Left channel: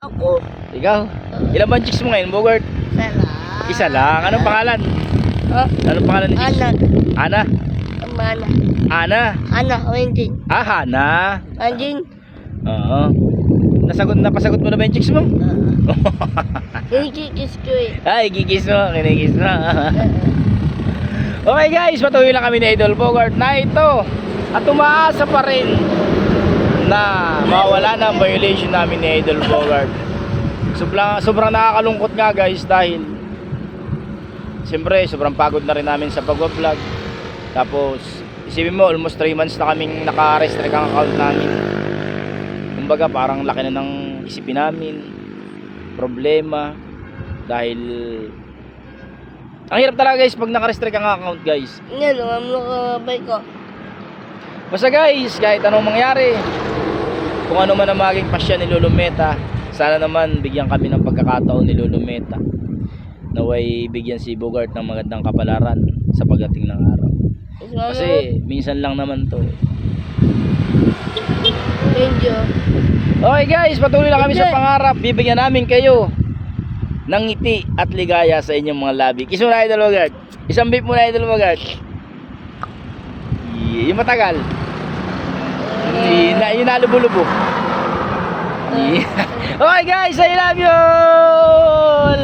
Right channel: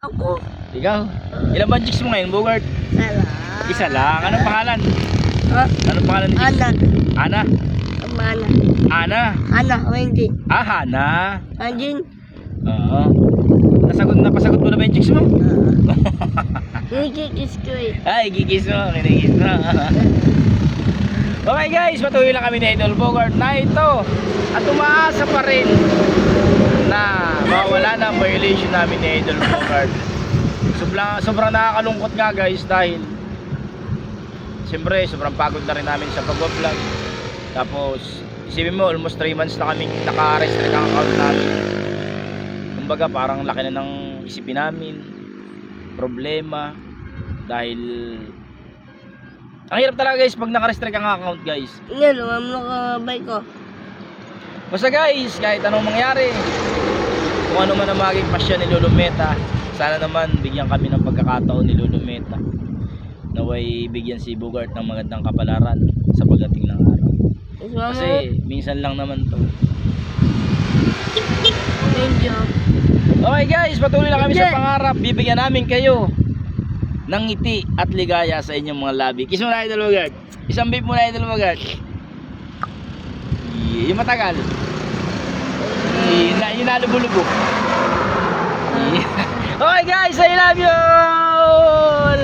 Ako. Ikaw? Ilan ba ang chicks mo ngayon, Bogart? Sala. Isa lang. Anong pangalan? Ha? Anong pangalan ni chicks? Anak. Ana? Mana. Ana? Anak. Wenjin. Ah, Hana. Anjin. Oo. Napasagot mo na ba yung chicks mo? Kinikikis ko eh. Ay, gigis mo. Kinigis mo. Okay guys, patuloy lang kami ni Idol Bogart na ito. At umaasa pa rin na mawala na ang violation namin ni Idol Bogart. Sobrang nakakalungkot nga guys dahil siyempre sobrang pagod na rin namin sa pag-vlog. Tapos isipin mo almost 3 months na kaming naka-restrict ang account namin. Kumbaga parang laki na ng isipin namin, problema dahil ang hirap talaga guys pag naka-restrict ang account guys. Yan, ang nakabay ko. Basta guys, kahit anong mangyari, kung ano man ang maging pasya ni Lolo Meta, sana naman bigyan kami ng pagkakataon ni Lolo Meta. Naway bigyan si Bogart ng magandang kapalaran sa pagdating ng araw. Kasi minsan lang naman to. Medyo. Okay guys, patuloy lang kami sa pangarap. Bibigyan namin kayo ng ngiti at ligaya sa inyong mga labi. Kiss mo na Idol Bogart. Isang beep mo na Idol Bogart. Yung matagal. Yung nalubo-lubo. Okay guys, I love you all.